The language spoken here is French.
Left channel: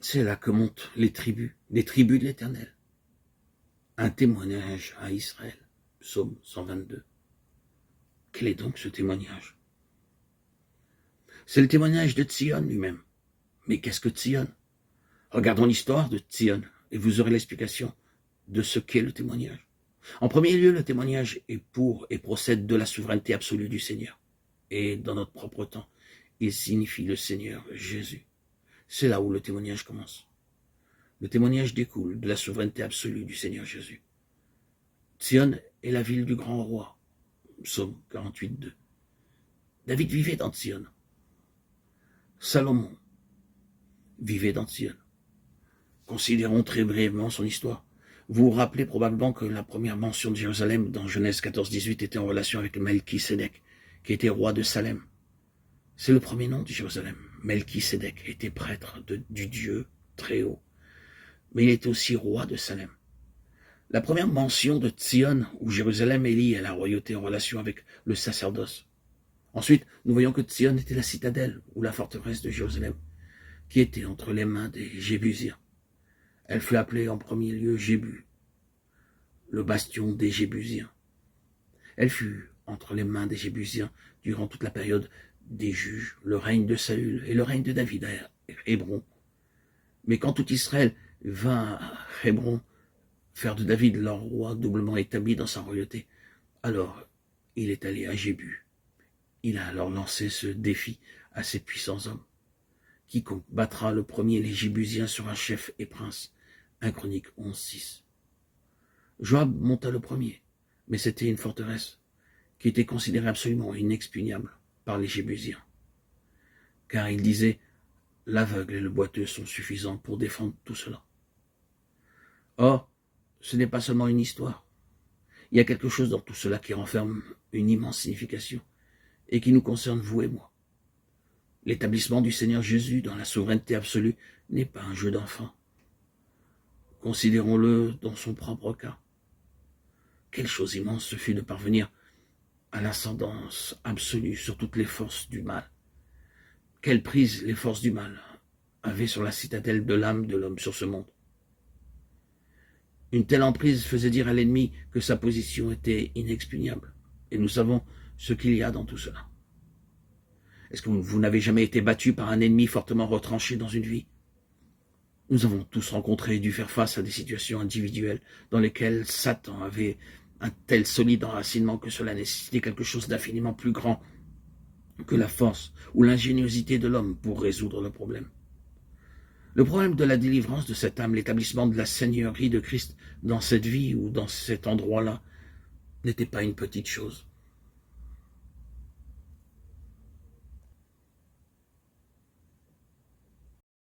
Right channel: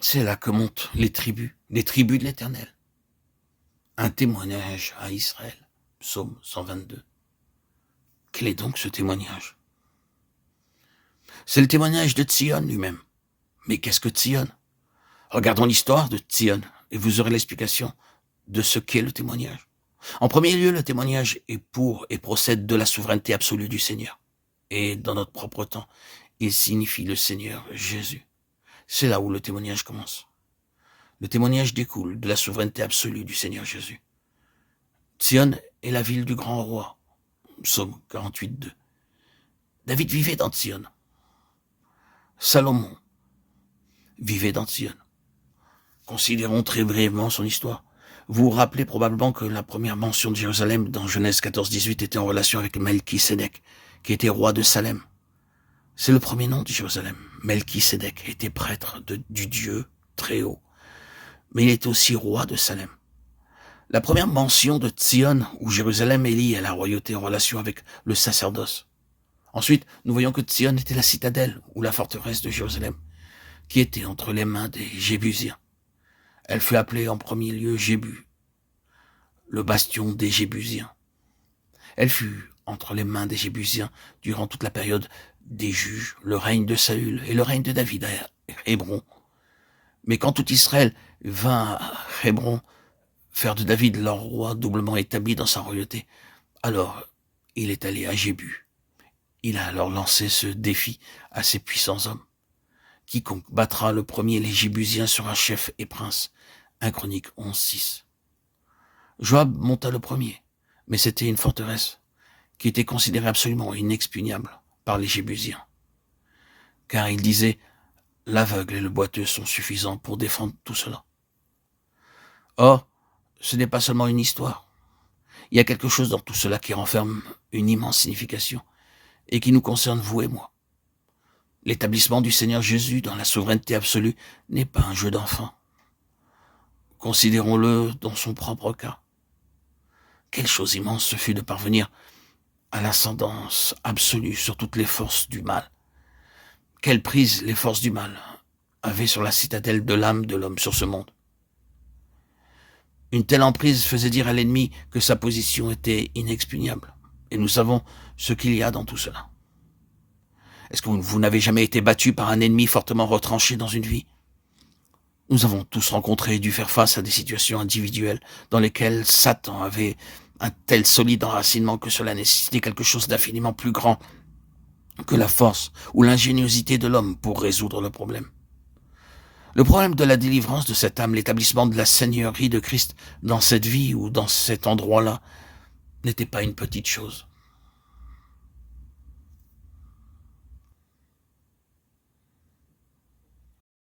C'est là que montent les tribus de l'Éternel. Un témoignage à Israël. Psaume 122. Quel est donc ce témoignage? C'est le témoignage de Tzion lui-même. Mais qu'est-ce que Tzion? Regardons l'histoire de Tzion et vous aurez l'explication de ce qu'est le témoignage. En premier lieu, le témoignage est pour et procède de la souveraineté absolue du Seigneur. Et dans notre propre temps, il signifie le Seigneur Jésus. C'est là où le témoignage commence. Le témoignage découle de la souveraineté absolue du Seigneur Jésus. Tzion est la ville du grand roi. Psaume 48:2. David vivait dans Tzion. Salomon vivait dans Tzion. Considérons très brièvement son histoire. Vous vous rappelez probablement que la première mention de Jérusalem dans Genèse 14-18 était en relation avec Melchisédek, qui était roi de Salem. C'est le premier nom de Jérusalem. Melchisédek était prêtre du Dieu très haut, mais il était aussi roi de Salem. La première mention de Tzion, où Jérusalem est liée à la royauté en relation avec le sacerdoce. Ensuite, nous voyons que Tzion était la citadelle ou la forteresse de Jérusalem, qui était entre les mains des Jébusiens. Elle fut appelée en premier lieu Jébu, le bastion des Jébusiens. Elle fut entre les mains des Jébusiens durant toute la période des juges, le règne de Saül et le règne de David à Hébron. Mais quand tout Israël vint à Hébron faire de David leur roi doublement établi dans sa royauté, alors il est allé à Jébu. Il a alors lancé ce défi à ses puissants hommes. Quiconque battra le premier les Jébusiens sera chef et prince. 1 Chroniques 11:6. Joab monta le premier, mais c'était une forteresse qui était considérée absolument inexpugnable par les Jébusiens. Car il disait, l'aveugle et le boiteux sont suffisants pour défendre tout cela. Or, ce n'est pas seulement une histoire. Il y a quelque chose dans tout cela qui renferme une immense signification et qui nous concerne vous et moi. L'établissement du Seigneur Jésus dans la souveraineté absolue n'est pas un jeu d'enfant. Considérons-le dans son propre cas. Quelle chose immense ce fut de parvenir à l'ascendance absolue sur toutes les forces du mal. Quelle prise les forces du mal avaient sur la citadelle de l'âme de l'homme sur ce monde. Une telle emprise faisait dire à l'ennemi que sa position était inexpugnable. Et nous savons ce qu'il y a dans tout cela. Est-ce que vous n'avez jamais été battu par un ennemi fortement retranché dans une vie? Nous avons tous rencontré et dû faire face à des situations individuelles dans lesquelles Satan avait un tel solide enracinement que cela nécessitait quelque chose d'infiniment plus grand que la force ou l'ingéniosité de l'homme pour résoudre le problème. Le problème de la délivrance de cette âme, l'établissement de la seigneurie de Christ dans cette vie ou dans cet endroit-là, n'était pas une petite chose.